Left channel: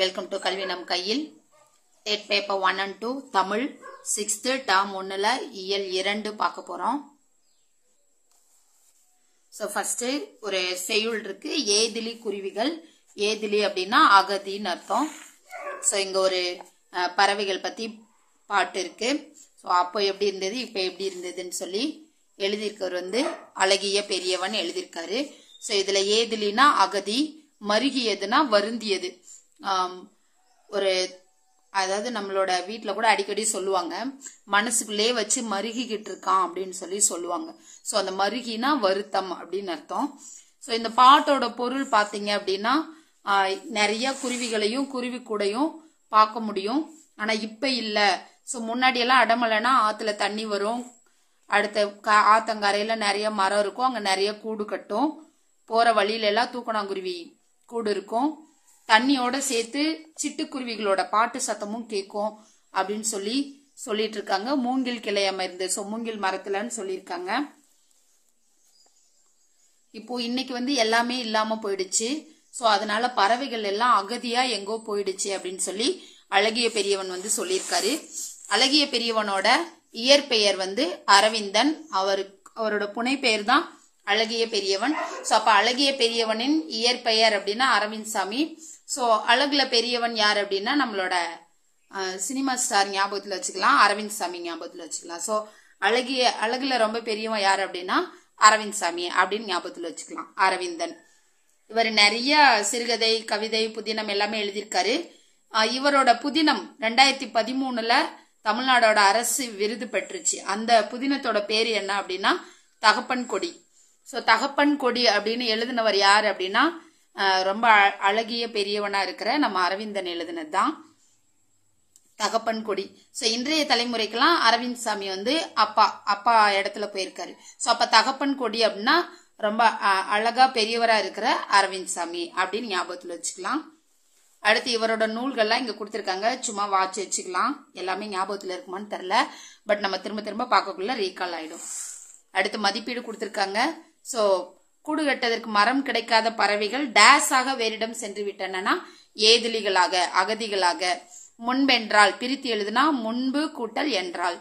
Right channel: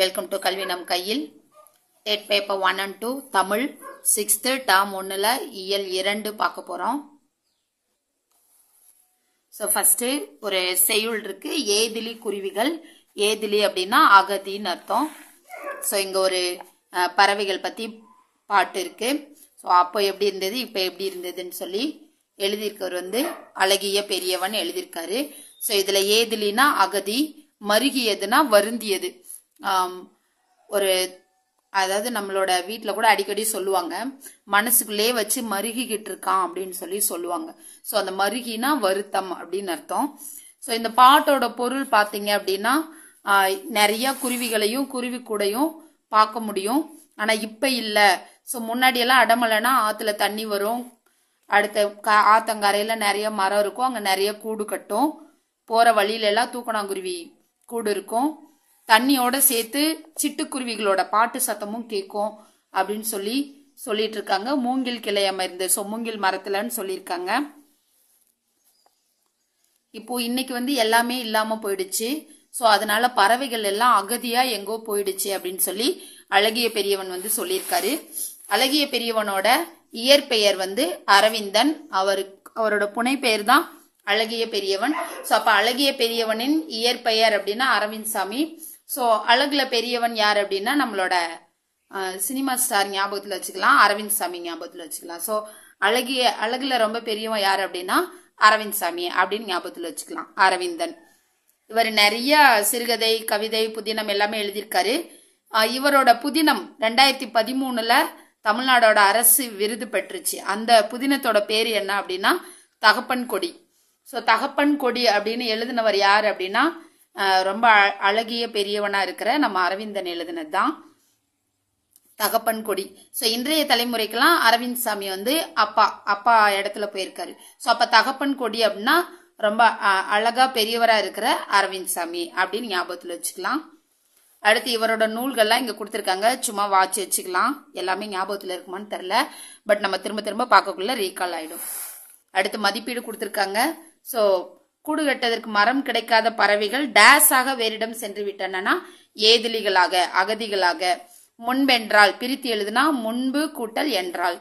Welcome to கல்வி நம் கையில். டேட் பேப்பர் 1 and 2 தமிழ் 6th டேர்ம் 1ல இயல் 2 பார்க்க போறோம். ஸோ ஃபர்ஸ்ட் ஒரு செய்யுள் இருக்கு, ஏதிலி குருவிகள். ஏதிலி அப்படின்னா அகதின்னு அர்த்தம். ஸோ இங்க ஒரு பறவைகள் பத்தி பாட்டு இருக்கு. ஸோ அப்போ எப்படி இருந்தது இப்போ எப்படி இருந்ததுன்னு சொல்லி எழுதியிருக்கவர் வந்து அழகிய பெரியவன் எழுதியிருக்காரு. ஸோ இதுல ஏதிலினா அகதி, மருகியதுன்னா வருந்தியது. ஒரு அதாவது நம்மளோட வீட்டுல கூட அடிக்கடி சொல்லுவாங்க, மனசுக்குள்ளே வச்சு மருகிக்கிட்டு இருக்கான் அப்படின்னு சொல்லி சொல்லுவாங்க. ஸோ அந்த மருகினா வருத்தம் அப்படின்னு அர்த்தம். ஸோ இந்த பாட்டோட பொருள் பாத்தீங்க அப்படின்னா நிறைய குருவிகளையும் குருவி கூடையும் பார்க்க முடியும். ஆனா இப்ப இல்ல. ஸோ முன்னாடி எல்லாம் அடமலைனா ஆத்துல தண்ணி வரும், அடுத்த ஆத்தங்கரையில நிறைய மரம் இருக்கும், அங்க நிறைய கூடு கட்டும், போற வழியில எல்லாம் தூக்கணாங்குருவி கூடு இருக்கும், தண்ணியோட சேர்த்து சிட்டுக்குருவிகளோட பாட்டு சத்தமும் கேட்கும் அப்படின்னு சொல்லிட்டு இருக்காங்க. மூங்கில் கிளை அமர்ந்து, ஸோ மூங்கில் மரத்துலன்னு சொல்லியிருக்காங்க. இப்போ இன்னைக்கு வந்து எல்லாமே இல்லாம போயிடுச்சு. ஸோ அதனால பறவைகள் எல்லாம் அகதியா எங்கோ போயிடுச்சு அப்படின்னு சொல்லி அழகிய பெரியவன் வந்து சொல்லியிருக்காரு. அழகிய பெரியவனோட இயற்பெயர் வந்து அரவிந்தன், அவரோட புனை பெயர் தான் அழகிய பெரியவன். ஸோ அப்ப அழகிய பெரியவனின் இயற்பெயர் அப்படின்னா அரவிந்த் சாமி. ஸோ அழகுல பெரியவன் யார் அப்படின்னா நம்மளோட சினிமா ஸ்டார் ஞாபகத்துல வச்சுக்கலாம், அரவிந்த் சாமி ஞாபகத்துல வச்சுக்கலாம். ஸோ அழகுல ரொம்ப பெரியவன் யார் அப்படின்னா அரவிந்த் சாமி அப்படின்னு ஞாபகத்துல வச்சுக்கலாம், அரவிந்தன். இவர் நிறைய சிறுகதை, கவிதை, புதினம் எல்லாமே எழுதியிருக்காரு. இவரோட புதினம் 2013ல தமிழ்நாடோட அரசு விருது பெற்றுச்சு. அந்த புதினத்தோட பேரு என்ன அப்படின்னா தகப்பன் கொடி. ஸோ தகப்பன் கொடி அப்படின்னு எழுதினவர் யார் அப்படின்னா ரொம்ப அழகிய பெரியவனா இருக்கிற நம்ம அரவிந்தன் எழுதினது தான் தகப்பன் கொடி. ஸோ இன்றைய தலைமுறைக்கெல்லாம் அரவிந்த் சாமி வந்து அப்பா இடத்துல போயிருக்காரு. ஸோ அப்ப தகப்பன் கொடி அப்படின்னா ரொம்ப அழகா பெரியவரா இருக்கிற அரவிந்த் சாமி அப்படின்னு ஞாபகத்துல வச்சுக்கலாம். அடுத்து இவரோட நூல்கள்லாம் இங்க கொடுத்திருக்காங்க, சும்மா வாட்சி வச்சுக்கலாம். எல்லாமே ஞாபகத்துல இருக்குமான்னு தெரியல, பட் நம்ம திரும்ப திரும்ப பார்க்கக்குள்ள ரீகால் ஆயிடும். அடுத்து மதிப்பீடு கொடுத்திருக்காங்க. ஸோ கூடு கட்டதற்கு மரம் கிடைக்காத பறவைகள் டேஸாக வேறிடம் சென்று விட்டன, ஏதிலிகளாக, அகதிகளாக. முன்பென்றால் பிரித்து எழுதுனா முன்பு கூட்டல் என்றால்.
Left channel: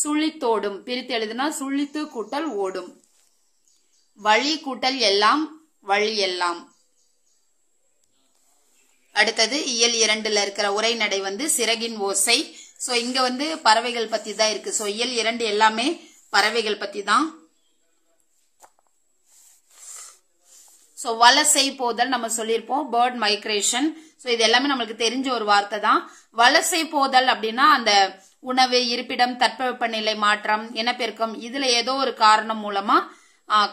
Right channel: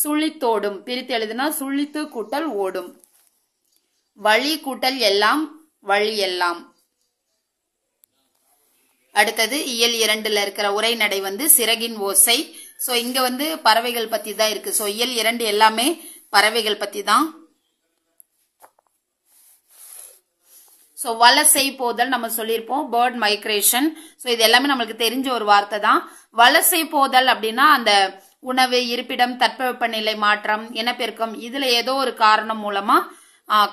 சுழித்தோடும் பிரித்து எழுதுனா சுழித்து கூட்டல் ஓடும். வழி கூட்டல் எல்லாம், வழி எல்லாம். அடுத்தது இயல் 2ல இருக்கிற உரைநடை வந்து சிறகின் ஓசை. சோ இங்க வந்து பறவைகள் பத்தி தான் இருக்கு. சோ இயல் 2 எல்லாமே பறவைகள் பத்தி தான். சோ வலசை போதல் நம்ம சொல்லியிருப்போம், பேர்ட் மைக்ரேஷன். சோ இது எல்லாமே நம்மளுக்கு தெரிஞ்ச ஒரு வார்த்தை தான். வலசை போதல் அப்படின்னா அந்த உணவு, இருப்பிடம், தட்பவெப்பநிலை மாற்றம், இனப்பெருக்கம், இதுல ஏதோ ஒரு காரணம் மூலமா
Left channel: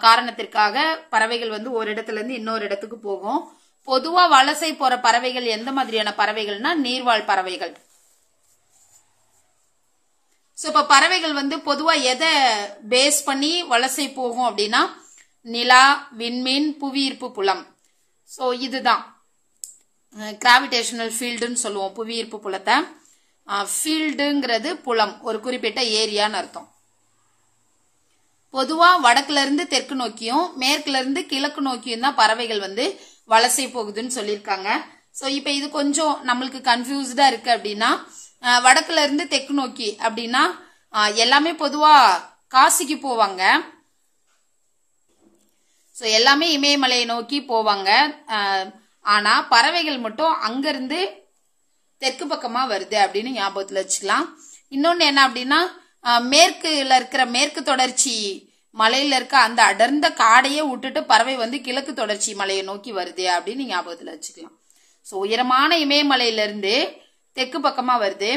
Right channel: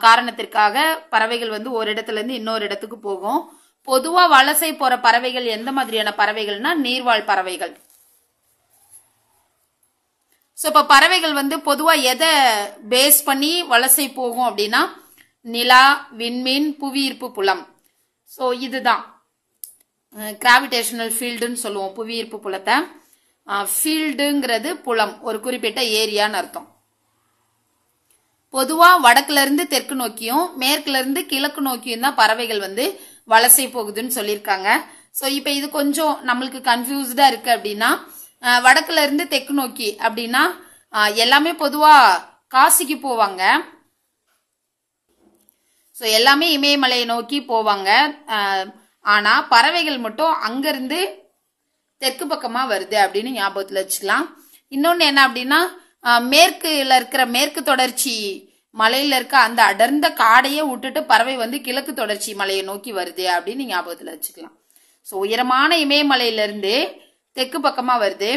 காரணத்திற்காக பறவைகள் வந்து ஒரு இடத்துல இருந்து இன்னொரு இடத்துக்கு போகும். பொதுவா வலசை போற பறவைகள் எந்த மாதிரியான பறவைகள்னா நீர்வாழ் பறவைகள். சோ இப்ப பறவைகள் வந்து பொதுவா எதை பேஸ் பண்ணி வலசை போகும் அப்படின்னா நிலா, விண்மீன், புவியீர்ப்பு புலம். சோ இதுதான் கிராவிடேஷனல் ஃபீல்டுன்னு சொல்லுவோம் புவியீர்ப்பு புலத்தை. ஃபீல்டுங்கிறது புலம், ஒரு குறிப்பிட்ட ஏரியான்னு அர்த்தம். பொதுவா வடக்குல இருந்து தெற்கு நோக்கியும் மேற்குல இருந்து கிழக்கு நோக்கியும் தான் பறவைகள் வந்து வலசை போகுதுன்னு சொல்லியிருக்காங்க. சோ இப்ப இது கொஞ்சம் நம்மளுக்கு கன்ஃபியூஸ்டா இருக்கு அப்படின்னா வடக்குல இருந்து தெற்கு நோக்கி அப்படின்னா எல்லாமே பொதுவா காசிக்கு போவாங்க. சோ எல்லாமே இமயமலையை நோக்கி போவாங்க. ஆனா பறவைகள் மட்டும் அங்கிருந்து தெற்கு பக்கமா வருது அப்படின்னு ஞாபகத்துல வச்சுக்கலாம். இன்னொன்னு என்ன அப்படின்னா மேற்குல இருக்கிற மேற்கு தொடர்ச்சி மலையில இருக்க அந்த அடர்ந்த காடையே விட்டுட்டு பறவை வந்து கிழக்கு தொடர்ச்சி மலையை நோக்கி வருது அப்படின்னு ஞாபகத்துல வச்சுக்கலாம். சோ உயரமான இமயமலையில இருந்து தெற்கு பக்கமா வருது,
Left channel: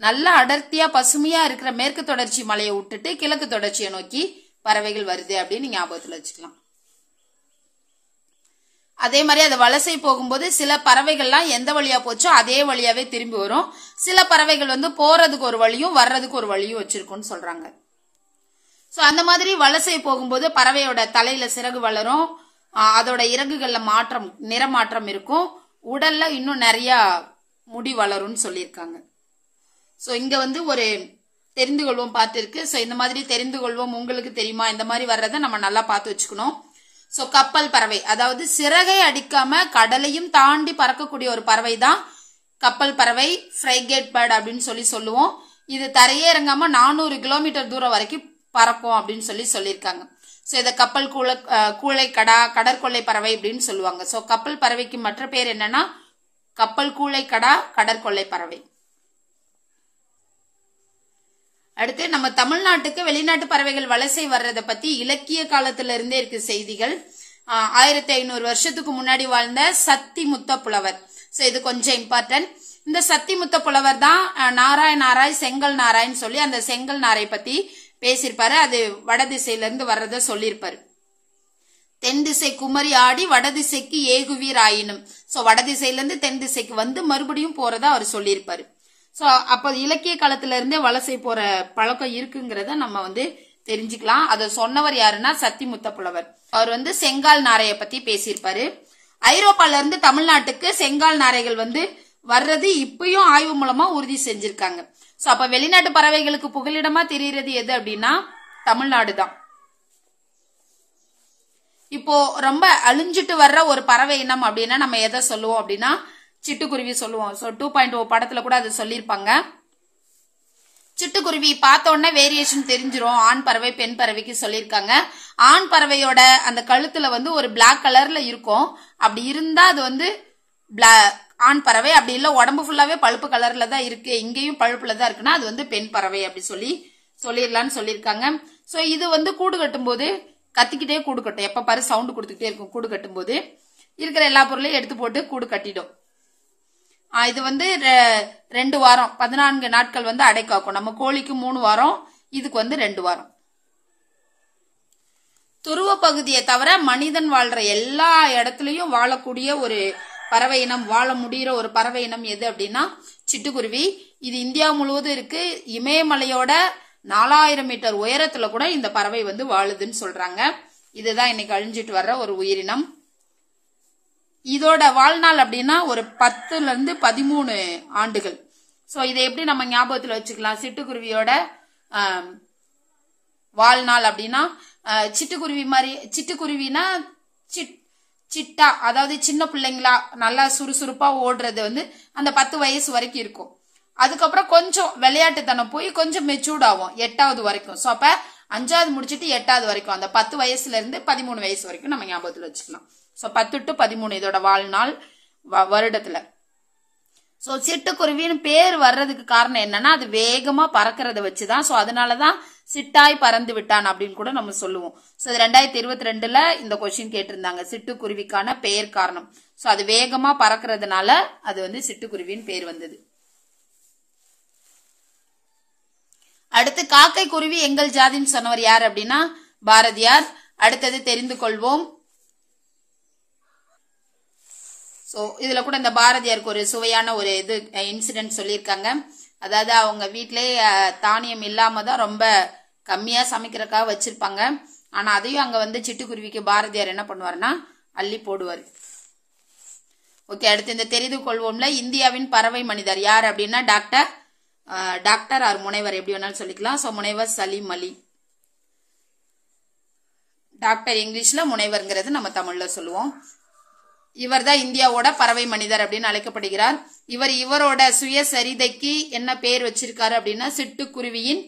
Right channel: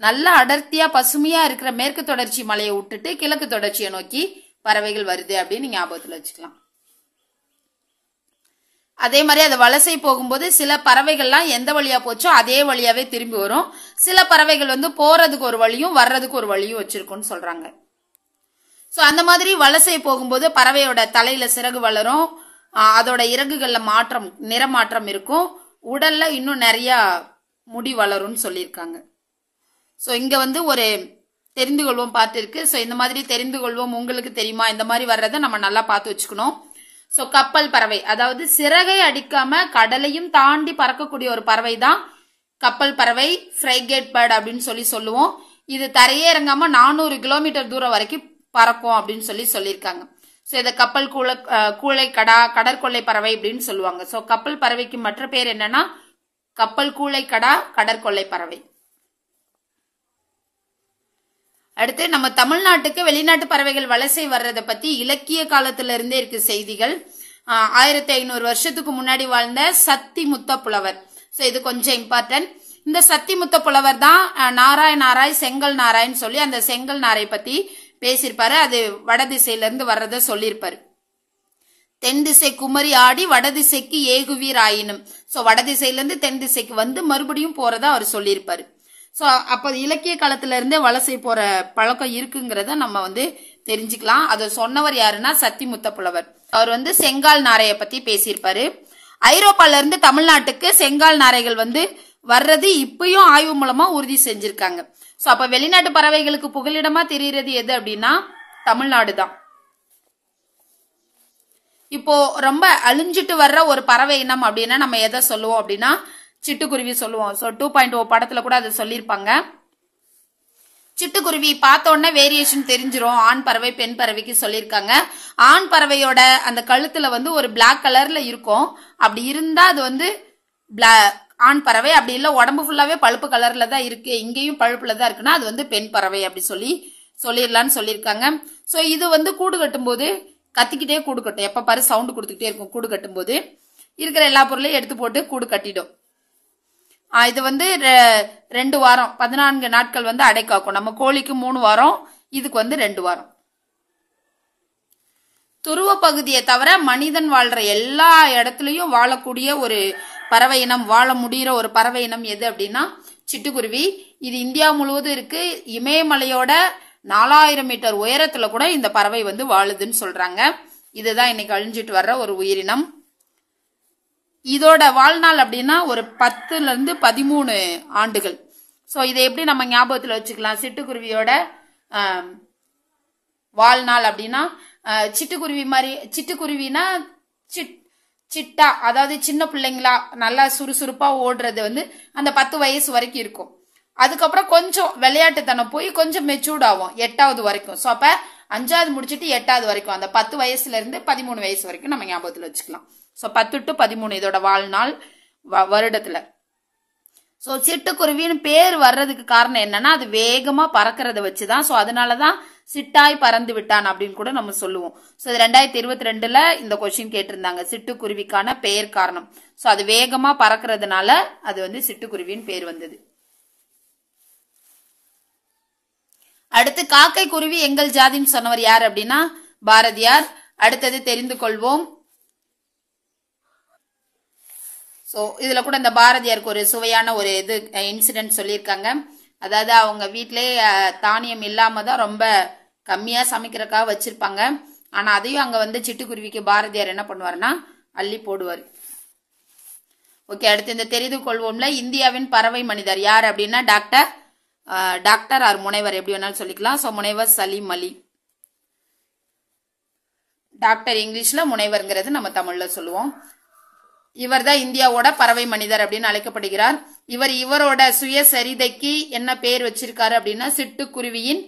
நல்ல அடர்த்தியா பசுமையா இருக்கிற மேற்கு தொடர்ச்சி மலையை விட்டுட்டு கிழக்கு தொடர்ச்சியை நோக்கி பறவைகள் வருது அப்படின்னு ஞாபகத்துல வச்சுக்கலாம். அதே மாதிரி அது வலசை போகும்போது சில பறவைகள்லாம் எந்த வழியா போச்சோ அதே வழியாவே திரும்பி வரும். சில பறவைகள் வந்து போறதுக்கு ஒரு வழியும் வர்றதுக்கு ஒரு வழியும் வச்சிருக்கும்னு சொல்றாங்க. சோ அந்த மாதிரி வலசை போகும்போது பறவையோட தலையில சிறகு வளரும், அதோட இறகுகள்ல நிறமாற்றம் இருக்கும், உடல்ல இன்னும் நிறைய முடி வளரும்னு சொல்லியிருக்காங்க. சோ இங்க வந்து ஒரு தெரிந்து கொள்வோம் பாட்டு இருக்கு. சோ இந்த மாதிரி தெரிந்து கொள்வோம் உங்களுக்கு தெரியுமா, இந்த மாதிரி வர்றதை நம்ம நல்லா பார்த்து வச்சுக்கணும். சோ கப்பல் பறவை, அதாவது சிறகை அடிக்காம கடலையும் தாண்டி பறக்கக்கூடிய ஒரு பறவை தான் கப்பல் பறவை, ஃப்ரைகேட் பேர்ட் அப்படின்னு சொல்லுவோம். இது தரையே இறங்காம 400 கிலோமீட்டர் தூரம் வரைக்கும் பறக்கும் அப்படின்னு சொல்லியிருக்காங்க. சோ இத கப்பல் கூளை கடா, கடற்கொள்ளை பறவை அப்படின்னு சொல்லுவாங்க. சோ கப்பல் பறவைக்கு மற்ற பேர் என்னன்னா கப்பல் கூளை கடா, கடற்கொள்ளை பறவை. அடுத்து நம்ம தமிழ்நாட்டுக்கு வெளிநாட்டு பறவைகள் வலசை வர்றதை பத்தி இலக்கிய காலத்துல இருந்தே இருக்கு செய்திகள். 1500 வருஷத்துக்கு முன்னாடி வாழ்ந்த சத்தி முத்த புலவர். சோ இது கொஞ்சம் இம்பார்ட்டன்ட். இந்த சத்தி முத்த புலவர் தான் நாராய் செங்கல் நாராயன்னு சொல்லி அந்த செங்கல் நாரை பத்தி பேசியிருப்பாரு. அது வடதிசையில இருந்து வர்றத சொல்லியிருப்பாரு. தென் திசை குமரி ஆடி வடதிசைக்கு ஏகுவீர் ஆயினும். சோ வடதிசையில இருந்து தென் திசைக்கு வந்து மறுபடியும் போறதா அவர் சொல்லியிருப்பாரு. சோ அப்ப இலக்கிய காலத்துல இருந்தே வலசை போற பழக்கம் இருக்குங்கிறத நம்ம தெரிஞ்சுக்கலாம். அதை சொன்னவர் யாருன்னா சத்தி முத்த புலவர். அவர் செங்கால் நாரைய பத்தி பேசியிருப்பாரு. ஐரோப்பால இருந்து தமிழ்நாட்டுக்கு செங்கால் நாரைகள் வர்றது இப்பயும் ஆய்வு மூலமா உறுதி செஞ்சிருக்காங்க. சோ அப்ப வெளிநாட்டு பறவைகளுக்கு புகலிடமா தெரிகிறது எது அப்படின்னா தமிழ்நாடு தான். இப்போ ரொம்ப அழிஞ்சிட்டு வர்ற ஒரு பறவை இனம் அப்படின்னா நம்ம எதை சொல்லுவோம் அப்படின்னா சிட்டுக்குருவி சொல்லுவோம். சோ 2.0 படத்துல கூட அதை சொல்லியிருப்பாங்க. சிட்டுக்குருவி பார்த்த உடனே வேரியேஷன் தெரிஞ்சிரும். ஆண் பறவை பெண் பறவைக்கு சொல்லியிருக்காங்க. ஆண் பறவையோட அந்த கழுத்துல ஒரு பிளாக் கலர்ல இருக்கும். அப்படி இருந்தா அது ஆண் பறவை. அப்படி இல்ல உடம்பு ஃபுல்லாவே பழுப்பு கலர்ல தான் இருக்கு, இங்கேயும் பழுப்புல தான் இருக்குன்னா அது பெண் பறவை அப்படி சொல்லிடலான்னு சொல்லியிருக்காங்க. சோ இது கூடு கட்டும் போது கத்திக்கிட்டே கூடு கட்டும். எப்ப பாரு சவுண்ட் கொடுத்துக்கிட்டே இருக்கும். கூடு கட்டும் போது இருக்கிற எல்லா பொருளையும் எடுத்து போட்டு கூடு கட்டிடும். இது 2 வாரம் 14 நாட்கள் அடை காக்கும். நம்ம கோழிக்கு 3 வாரம், இதுக்கு 2 வாரம். துருவ பகுதியை தவிர மனிதன் வாழ்ற எல்லா இடத்துலயும் வாழக்கூடிய ஒரு பறவை இனம், வாழ முடிகிற ஒரு பறவை இனம் எது அப்படின்னா சிட்டுக்குருவி. இது இந்தியா முழுவதும் இருக்கு. இமயமலையோட 4000 மீட்டர் உயரத்துல கூட இந்த பறவை வாழுதுன்னு சொல்றாங்க. இதுதான் இன்னைக்கு அழிஞ்சிட்டு வர்ற ஒரு உயிரினம். இதோட வாழ்நாள் அப்படின்னா ஒரு 10ல இருந்து 13 ஆண்டுகள். சோ இதை எப்படி நம்ம ஞாபகத்துல வச்சுக்கலாம்? சிட்டுக்குருவியோட வாழ்நாள் அப்படின்னா சிட்டுக்குருவி மாதிரி, சிட்டுக்குருவினா சிட்டா, அதாவது சின்ன பிள்ளைங்களா நல்லா சுறுசுறுப்பா ஓடுறது அந்த 10 வயசு வரைக்கும் இருக்கும். அதுக்கப்புறம் கொஞ்சம் விளையாட்டுத்தனம் போய் கொஞ்சம் மெச்சூர்ட் ஆகும் 8வது வரைக்கும். சோ அப்ப 5வது முடிச்சிட்டு 8வது வரைக்கும் அந்த 10 வயசுல இருந்து 13 வயசு வரைக்கும் நம்ம ஞாபகத்துல வச்சுக்கலாம். சோ 10 to 13 இதோட வாழ்நாள் வருடத்துல. சோ சிட்டுக்குருவின்னு பேர் வர்றதுக்கு காரணம் என்னன்னா அது வேகமா பறக்கிறத வச்சுதான். சோ அதனாலதான் சிட்டாய் பறந்து விட்டான் அப்படின்னு கூட நம்ம சொல்லுவோம். சோ 2022ல இந்த கொஸ்டின் கேட்டிருந்தாங்க, சிட்டுக்குருவிக்கான பெயர் காரணம். சோ அது வேகமா பறக்கிறதுனால அது சிட்டுக்குருவின்னு பேர் வந்தது. அடுத்து காக்கை குருவி எங்கள் ஜாதின்னு சொன்னவர் யார் அப்படின்னா பாரதியார். அடுத்தது தெரிந்து கொள்வோம். சோ இதுல கூட இந்த பாரதியாருக்கு ஒரு சுவையான ஒரு இன்சிடென்ட் சொல்லியிருக்காங்க. அதாவது அவங்க வீட்டிலேயே தானியம் இல்லாம தான் ரொம்ப கம்மியா சமைக்கிறதுக்காக வச்சிருப்பாங்க. ஆனா அதையும் அங்க சிட்டுக்குருவிக்கு பாரதியார் என்ன பண்ணுவாருன்னா அள்ளி போடுவாரு. ஓகே, அடுத்து இந்த தெரிந்து கொள்வோம்ல இந்தியாவின் பறவை மனிதர் யார் அப்படின்னா டாக்டர் ஆர் முனைவர் எப்படி வேணாலும் சொல்லிக்கலாம். சோ முனைவர் சலீம் அலி. டாக்டர் இங்கிலீஷ்ல, முனைவர்ங்கிறது நம்ம தமிழ்ல சொல்லுவோம். இவர் தான் இந்தியாவோட பறவை மனிதர் அப்படின்னு அழைக்கப்படுகிறார். இவரோட சுயசரிதைக்கு என்ன பேர் வச்சிருக்காரு அப்படின்னா சிட்டுக்குருவியின்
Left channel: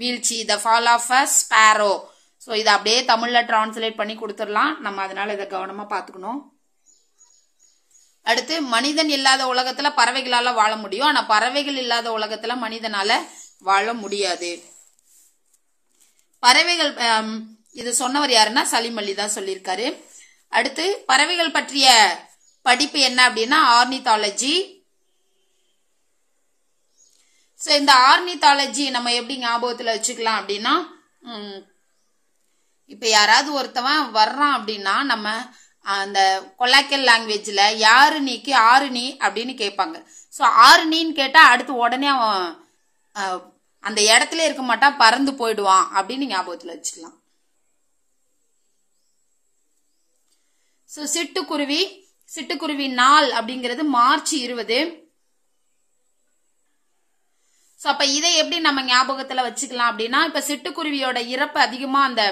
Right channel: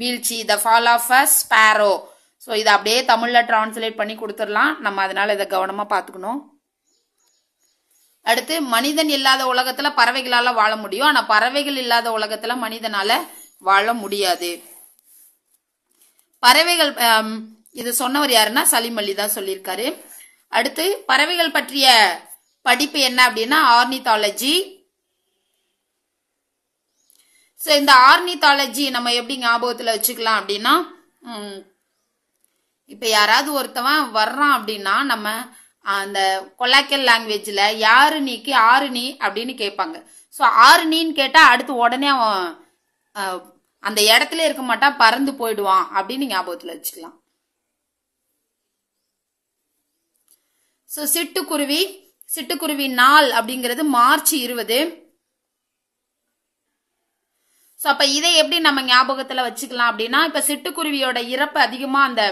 வீழ்ச்சி, the fall of a sparrow. So இதை அப்படியே தமிழ்ல டிரான்ஸ்லேட் பண்ணி கொடுத்துடலாம். நம்ம அதனால இதை கவனமா பாத்துக்கணும். அடுத்து மனிதன் இல்லாத உலகத்துல பறவைகளால வாழ முடியும், ஆனா பறவைகள் இல்லாத உலகத்துல மனிதனால வாழ முடியாது. பறவைகள் இது சொன்னவர் யாருன்னா சலீம் அலி தான் சொல்லியிருக்காரு. அடுத்து பறவைகள் பற்றிய படிப்பு என்ன அப்படின்னா ஆர்னித்தாலஜி. சோ இந்த ஆர்னித்தாலஜி நம்ம எப்படி ஞாபகத்துல வச்சுக்கலாம் அப்படின்னா இப்ப யாராவது ஒருத்தவன் வர்றான் அப்படின்னா நம்ம அந்த கொலாக்கல் லாங்குவேஜ்ல யாரு நீக்கு ஆறு நீ அப்படின்னு கேட்பாங்க. சோ ஆறு நீன்னு கேட்டா அடுத்து உடனே அவன் அந்த இடத்துல இருக்க மாட்டான், பறந்து போயிடுவான் அப்படின்னு ஞாபகத்துல வச்சுக்கலாம். சோ சிட்டுக்குருவி நாள் அப்படிங்கிறது மார்ச் 20. சோ அப்ப இதை எப்படி நம்ம ஞாபகத்துல வச்சுக்கலாம் அப்படின்னா இப்ப சிட்டுக்குருவியோட இறப்பு அதிகமா அந்த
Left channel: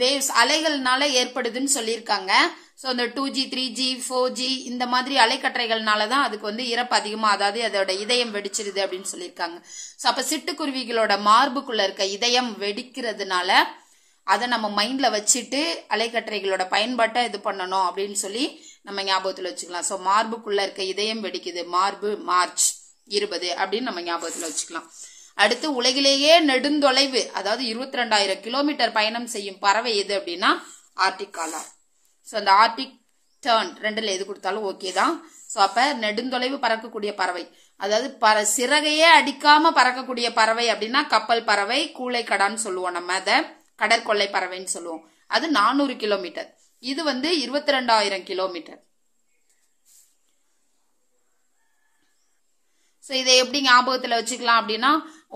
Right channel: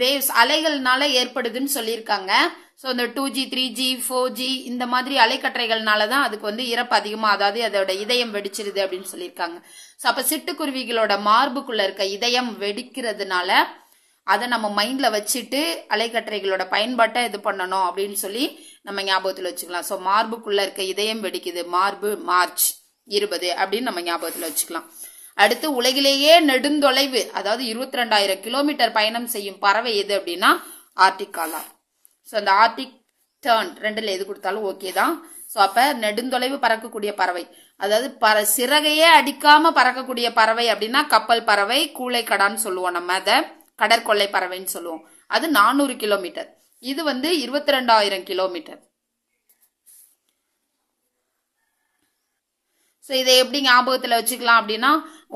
வேவ்ஸ் அலைகள்னால ஏற்படுதுன்னு சொல்லியிருக்காங்க. ஸோ இந்த 2G 3G 4G இந்த மாதிரி அலைக்கற்றைகள்னாலதான் அதுக்கு வந்து இறப்பு அதிகமா, அதாவது அதோட இதயம் வெடிச்சிருது அப்படின்னு சொல்லியிருக்காங்க. ஸோ அப்ப சிட்டுக்குருவிகளோட மார்புக்குள்ள இருக்க இதயம் வெடிக்கிறதுனால அதை நம்ம மைண்ட்ல வச்சுட்டு அலைக்கற்றைகளோட பயன்பாட்டை இது பண்ணணும் அப்படின்னு சொல்லி நம்ம ஞாபகத்துல வச்சுக்கலாம். ஸோ மார்புக்குள்ள இருக்க இதயம் வெடிக்குது, மார்பு March 20 அப்படின்னு நம்ம ஞாபகத்துல வச்சுக்கலாம். அடுத்து உலகிலேயே நெடுந்தொலைவு, அதாவது 22,000 கிலோமீட்டர் பயணம் செய்யும் பறவை எது அப்படின்னா ஆர்டிக் காலார். ஸோ அந்த ஆர்டிக் டர்ன் ரெண்டுல எது கொடுத்தாலும் ஓகே தான். ஸோ அப்ப நெடுந்தொலைவு பறக்கக்கூடிய பறவை, அதாவது சிறகையே அடிக்காம பறக்கக்கூடிய பறவை அப்படின்னா கப்பல் பறவை, கூளைக்கடான்னு சொல்லுவோம், நம்ம அதை கடற்கொள்ளை பறவைன்னு சொல்லுவோம். அது 400 கிலோமீட்டர். இது வந்து 22,000 கிலோமீட்டர். ஸோ இதை எப்படி ஞாபகத்துல வச்சுக்கலாம் அப்படின்னா,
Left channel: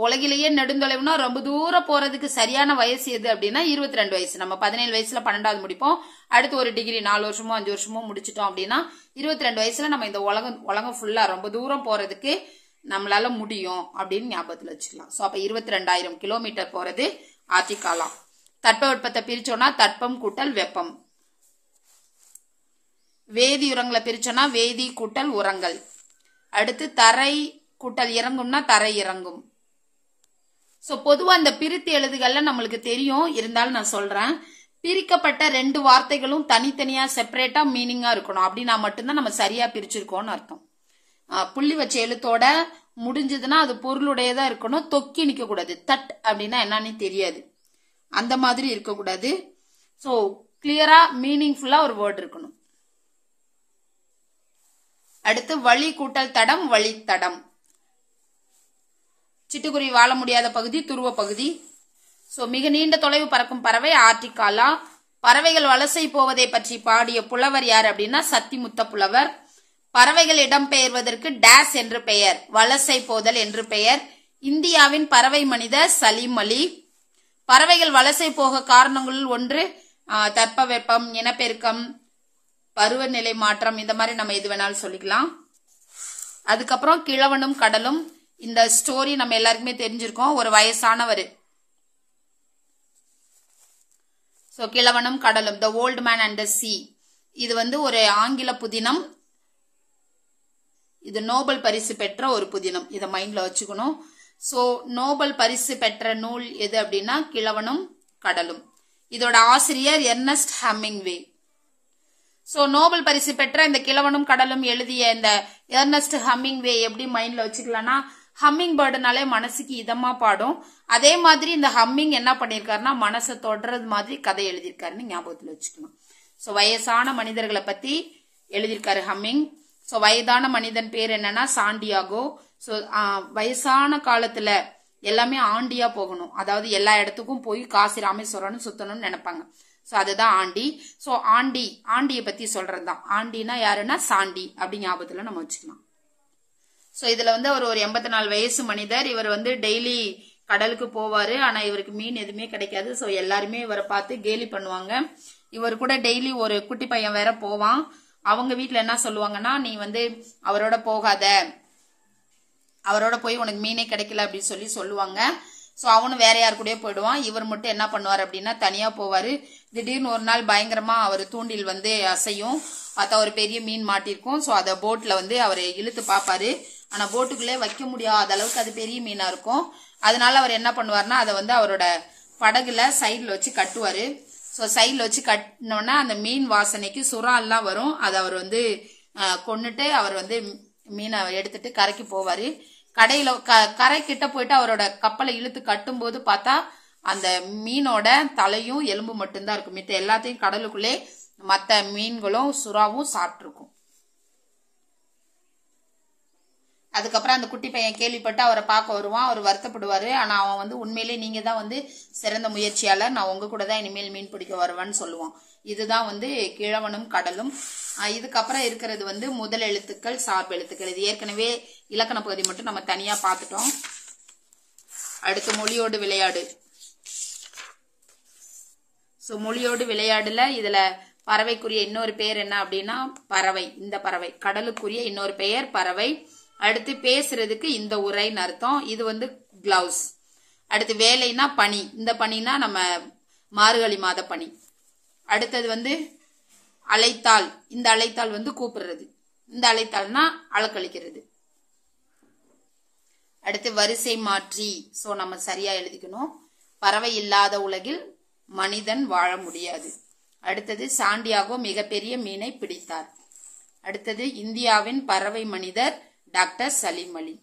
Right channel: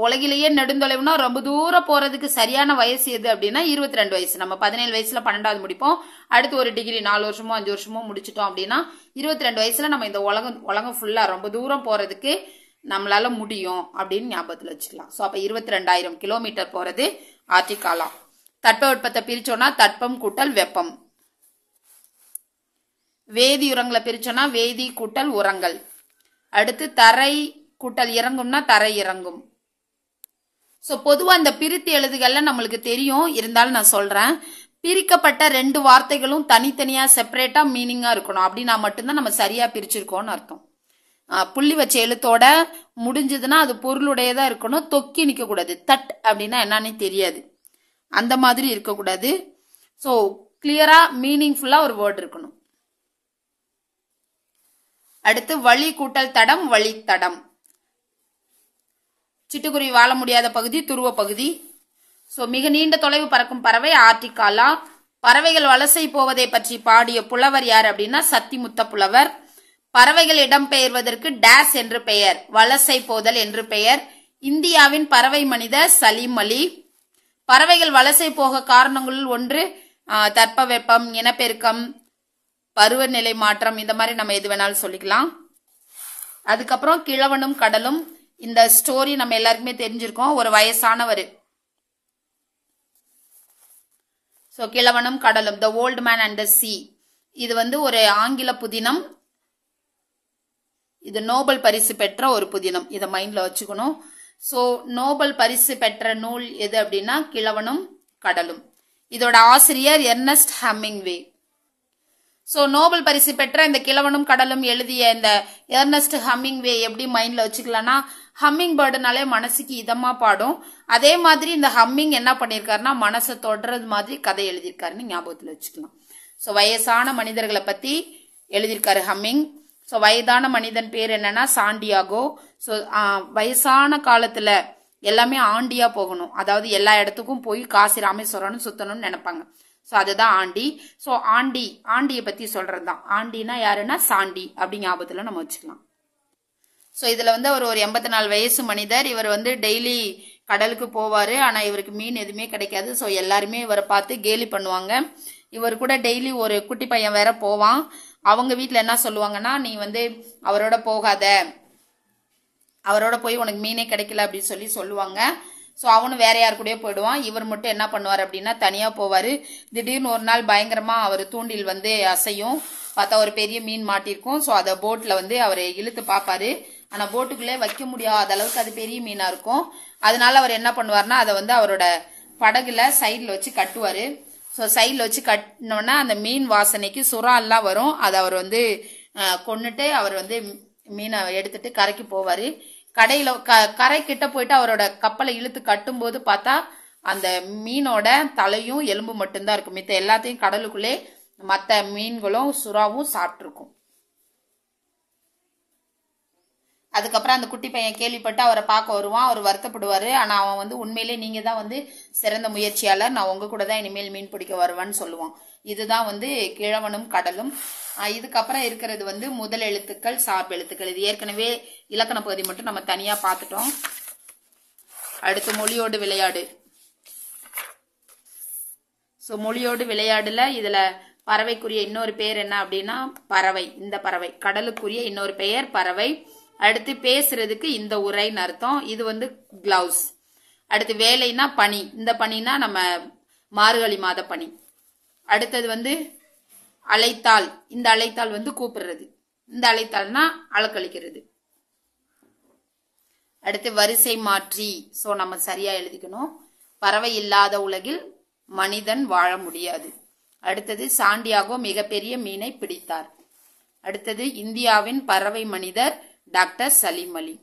உலகிலேயே நெடுந்தொலைவுனா ரொம்ப தூரம் போறதுக்கு சரியான வயசு எது அப்படின்னா 22 வயசு. நம்ம 17 வயசுல 12வது முடிப்போம். அடுத்து ஒரு டிகிரி 4 வருஷமோ 5 வருஷமோ முடிச்சிட்டோம் அப்படின்னா 22 வயசுல நம்ம இந்த உலகம் ஃபுல்லா ரொம்ப தூரம் போறதுக்கு நம்மளால முடியும் அப்படின்னு ஞாபகத்துல வச்சுக்கலாம். ஸோ அப்ப 22,000 கிலோமீட்டர் போறது ஆர்டிக் காலா. தட்பவெப்பத்தை பிரிச்சோம்னா தட்பம் கூட்டல் வெப்பம். வேதி உரங்களை பிரிச்சோம்னா வேதி கூட்டல் உரங்கள். அடுத்து தரை கூட்டல் இறங்கும்னா தரை இறங்கும். சோ பொதுவா இந்த பிரித்து எழுதுகள்ல நம்மளுக்கு தெரியும், இருந்தாலும் நான் சொல்றேன். பிரிக்கப்பட்ட 2 வார்த்தைகளும் தனித்தனியா செப்பரேட்டா மீனிங்கா இருக்கணும். அப்படின்னா மட்டும்தான் நம்ம சரியா பிரிச்சிருக்கோம்னு அர்த்தம். புள்ளி வச்ச எழுத்தோட முடிஞ்சதுன்னா அது பொருளுடையதா இருக்கணும், தொக்கி நிக்க கூடாது. தட் அப்படின்னா என்னன்னு தெரியாது, அந்த மாதிரி இருக்கக்கூடாது. சோ கிளியரா மீனிங்ஃபுல்லா ஒரு வேர்ட் இருக்கணும். அடுத்து வழி கூட்டல் தடம், வழித்தடம். சிட்டுக்குருவி வாழ முடியாத பகுதி துருவ பகுதி. சோ மிக நீண்ட தொலைவு பறக்கும் பறவை ஆர்டிக் காலா. பறவைகள் வலசை போவதை பற்றி பாடிய புலவர் யார் அப்படின்னா சத்திமுத்த புலவர். பறவைகள் இடம்பெயர்வதற்கு டேஸ் என்று பெயர், வலசை போதல் என்று பெயர். இந்தியாவின் பறவை மனிதர் சலீம் அலி. பறவைகள் வலசை போக காரணங்களுள் ஒன்று தட்பவெப்பம், இனப்பெருக்கம், பருவநிலை மாற்றம், இந்த மாதிரி நம்ம எது வேணாலும் சொல்லிக்கலாம். அதுக்கப்புறம் கிழவனும் கடலும். இந்த ஸ்டோரி நம்ம எல்லாருக்குமே தெரிஞ்சிருக்கோம். ஒரு வயசானவர், சோ கிழவனும் கடலும், the old man and the சீ. இது வந்து ஒரு ஆங்கில புதினம். இது நோபல் பரிசு பெற்ற ஒரு புதினம், இதை மைண்ட்ல வச்சுக்கணும். சோ நோபல் பரிசு பெற்ற நூல் எது அப்படின்னா கிழவனும் கடலும். இதோட ஆசிரியர் எர்னஸ்ட் ஹெமிங்வே. சோ நோபல் பரிசு பெற்ற இந்த கிழவனும் கடலும் எழுதிய இந்த எர்னஸ்ட் ஹெமிங்வே எப்படி மைண்ட்ல வச்சுக்கலாம்னா, ஹம்மிங் பேர்டுனாலே மனசுக்கு இதமா பாடும். அதே மாதிரி இந்த ஹம்மிங் என்ன பண்ணிருக்காருன்னா மனசை தொடர்றது மாதிரி கதை எழுதியிருக்காருன்னு ஞாபகத்துல வச்சுக்கலாம். சோ வயசான மனிதர்களை பத்தி எழுதியிருக்காரு ஹம்மிங். சோ வயதான மனிதன் பேர் என்னன்னா சாண்டியாகோ. சோ வயசான காலத்துல எல்லாமே ஆண்டியா போகணும், அதாவது எல்லா இடத்துக்கும் போய் காசி ராமேஸ்வரம்னு சுத்தணும்னு நினைப்பாங்க. சோ அதுதான் ஆண்டி. சோ ஆண்டியை பத்தி சொல்றதுதான். ஆண்டினா யாருன்னா சாண்டி அப்படி ஞாபகத்துல நம்ம வச்சுக்கலாம். சோ இதுல வந்து அவர் ஒரு 84 வயசு மனிதர். இவர் வந்து டெய்லி கடலுக்கு போவாரு, ஆனா இவருக்கு மீன் எதுவுமே கிடைக்காது. சோ எல்லாருமே இவரை பார்த்து கேலி பண்ணுவாங்க. இவர் கூட டெய்லி ஒரு குட்டி பையன் வேற போவான். அவங்க வீட்டுல என்ன சொல்லுவாங்கன்னா, நீ வந்து அவரோட போகாத, அவரோட போய் உனக்கு மீனே கிடைக்கல அப்படின்னு சொல்லி சொல்லுவாங்க. சோ அவனும் வேற யாரு கூடயே போயிடுவான். இவர் மட்டும் என்ன பண்ணுவார் அப்படின்னா தனியா போவாரு. திடீர்னு ஒரு நாள் பயங்கரமா அவர் தூண்டில் வந்து அசையும், பார்த்தா ஒரு பெரிய மீன் மாட்டிருக்கும். சோ அத போட்ல வந்து அவர் இழுத்து பாப்பாரு. ஆனா போட்டுக்குள்ளே வைக்க முடியாத அளவுக்கு அது பெரிய மீனா இருக்கும். அதனால அவர் என்ன பண்ணுவாருன்னா அதை வந்து அவரோட படகுல சைட்ல வச்சு கட்டுவாரு. சோ சைட்ல வச்சு கட்டினோன்னா அந்த மீன் வாசனைக்கு சுறா எல்லாம் வரும். அதை அவர் வந்து கொன்னுட்டு அவர் வந்து மீனை எடுத்துட்டு கரைக்கு போவாரு. கரை கிட்ட போயிட்டு அவரோட கப்பலை இழுத்து கட்டும் போது பார்த்தா அந்த மீனோட தலையும் எலும்பு மட்டும்தான் இருக்கும். மித்த எல்லாத்தையும் கடலுக்குள்ளே மத்த மீன்களும் சுறாவும் சாப்பிட்டுருக்கும். அதுக்கப்புறம் அந்த குட்டி பையன் கேள்விப்பட்டு அவரை பார்க்க வருவான். அவர் வருத்தப்படுவாரு. ஆனா அவன் வந்து உண்மையிலேயே நீங்க தான் வந்து சிறந்த முயற்சியாளர், நான் உங்க கூட தான் இனிமேல் மீன் பிடிக்க வருவேன்னு சொல்லுவான். இதுதான் வந்து கிழவனும் கடலும். இதுக்கப்புறம் இருக்கிறது வந்து முதல் எழுத்துக்கள், சார்பு எழுத்துக்கள். இது ஏற்கனவே இலக்கண பகுதி மட்டும் நம்ம தனியா பார்த்துட்டோம். அடுத்து மொழியோடு விளையாடு. சோ மொழியோடு விளையாடுல இதுல பறவைக்குரிய இன்னொரு பெயர் என்ன அப்படின்னா பறவை. இந்த பறவை கடலுக்குரிய இன்னொரு பெயர் பறவை. அடுத்து பேசுறதுக்கு இந்த உரைன்னு அர்த்தம். இது வந்து கிளவுஸ். அடுத்து வேலைனா பனி. இந்த பனினா நம்ம மார்கழி மாத பனி. அடுத்தது வந்து அழைத்தால், இந்த அழைத்தால் வந்து கூப்பிடுறது, இந்த அழைத்தால்னா அலக்களிக்கிறது. அடுத்து வரிசை மாற்றி. சோ நம்ம சரியா எழுதிக்கணும். பறவை இல்லாத உலகில் மனிதன் வாழ முடியாது. அடுத்தது சாண்டியாகோ மிகப்பெரிய மீனை பிடித்தார். அடுத்தது இந்தியாவின் பறவை மனிதர் டாக்டர் சலீம் அலி.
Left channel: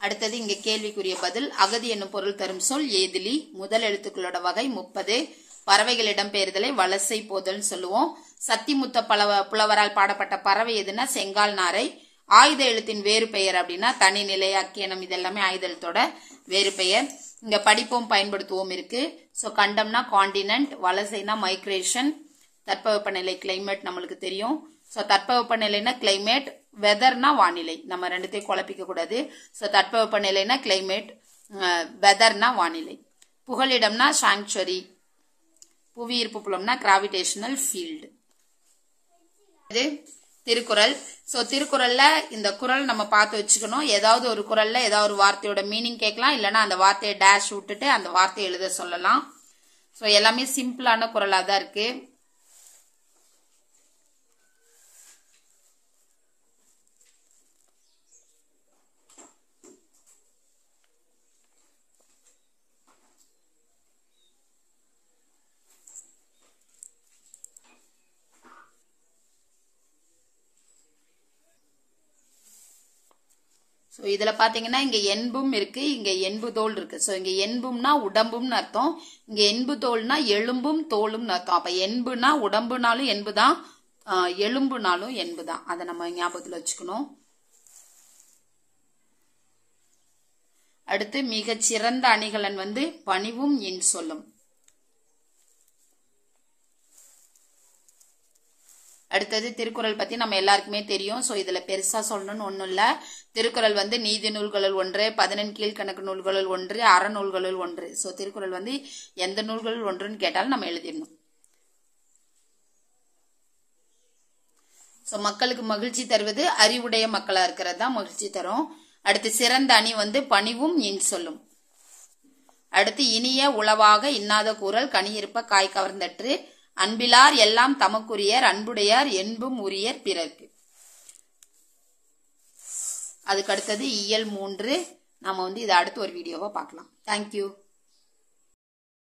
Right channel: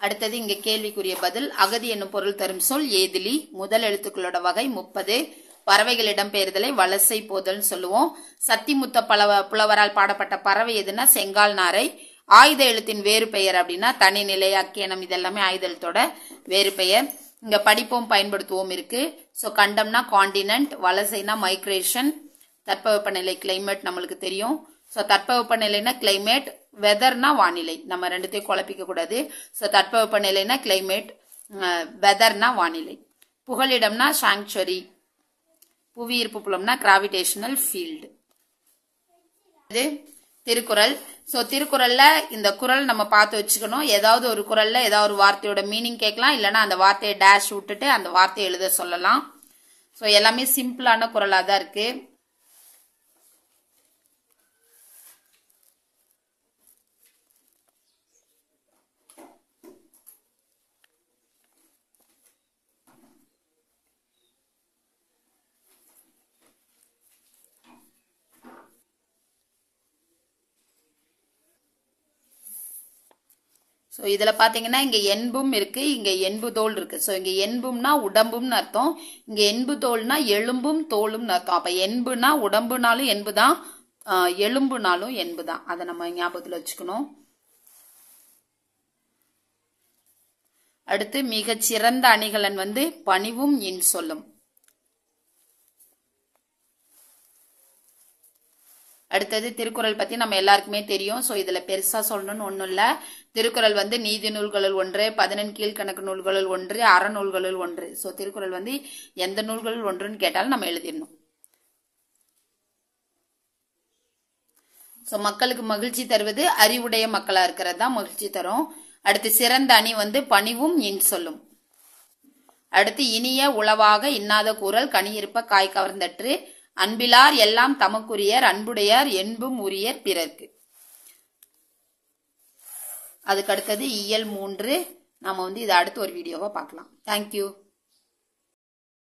அடுத்தது இங்க கேள்விக்குரிய பதில். அகதி என்னும் பொருள் தரும் சொல் ஏதிலி. முதல் எழுத்துக்களோட வகை 30. பறவைகள் இடம்பெயர்தலை வலசை போதல் சொல்லுவோம். சத்திமுத்த புலவரால் பாடப்பட்ட பறவை எதுனா செங்கால் நாரை. ஆயுத எழுத்தின் வேறு பெயர் அப்படின்னா தனிநிலை, அக்கேனம், இதெல்லாமே ஆயுத எழுத்தோட வேறு பெயர். இங்க படிப்போம் பயன்படுத்துவோம் இருக்கு. சோ கண்டம்னா காண்டினென்ட், வலசைனா மைக்ரேஷன், தட்பவெப்பநிலை கிளைமேட் நம்மளுக்கு தெரியும். சோ தட்பவெப்பநிலைனா கிளைமேட், வெதர்னா வானிலை. நம்ம ரெண்டுத்தையும் குழப்பிக்க கூடாது. சோ தட்பவெப்பநிலைனா கிளைமேட், வெதர்னா வானிலை. புகலிடம்னா சாங்சுவரி, புவியீர்ப்பு புலம்னா கிராவிடேஷனல் ஃபீல்டு. இது திருக்குறள். சோ திருக்குறள்ல இந்த குறள் நம்ம பார்த்து வச்சுக்கணும். ஏதாவது ஒரு குறள்ல ஏதாவது ஒரு வார்த்தையோட மீனிங் கேட்கலாம், இல்லைன்னா அந்த வார்த்தையை டேஷ் விட்டுட்டு அந்த வார்த்தையை எழுத சொல்லலாம். சோ எல்லாமே சிம்பிளான குறளா தான் இருக்கு. சோ இதுல பாத்தீங்கன்னா இங்க என்பும் இருக்கு, இங்க என்பு தோல் இருக்கு. சோ இங்க என்பும்னா உடம்பும்னு அர்த்தம், இங்க என்பு தோல்னா எலும்பும் தோலும்னு அர்த்தம். அப்ப என்புனா உடம்புனாலும் என்புதான், எலும்புனாலும் என்புதான். அதை நம்ம ஞாபகத்துல வச்சுக்கணும். அடுத்து மிகச் சிறந்த அணிகலன் வந்து பணிவும் இன் சொல்லும். அடுத்தது திருக்குறள் பத்தி நம்ம எல்லாருக்குமே தெரியும். சோ இதுல பெருசா சொல்லணும்னு ஒண்ணும் இல்ல. திருக்குறள் வந்து நீதி நூல்களுள் ஒன்று, 14 கீழ்கணக்கு நூல்களுள் ஒன்று, அறநூல்களுள் ஒன்று. சோ திருக்குறள் வந்து எந்த நூல்களுள் ஒன்றுன்னு கேட்டாலும் நம்ம எழுதிடணும். சோ மக்களுக்கு மகிழ்ச்சி தருவது அறிவுடைய மக்களா இருக்கிறது தான் மகிழ்ச்சி தரும். அடுத்து சிறந்த அணி வந்து பணிவும் இன் சொல்லும். அடுத்து இனிய உளவாக இன்னாத கூறல் கனியிருப்ப காய் கவர்ந்தற்று, அன்பிலார் எல்லாம் தமக்குரியர் அன்புடையார் என்பும் உரியர் பிறர்க்கு. அதுக்கு அடுத்தது இயல் 3. நம்ம வந்து இதை அடுத்து ஒரு வீடியோவா பார்க்கலாம். தேங்க்யூ.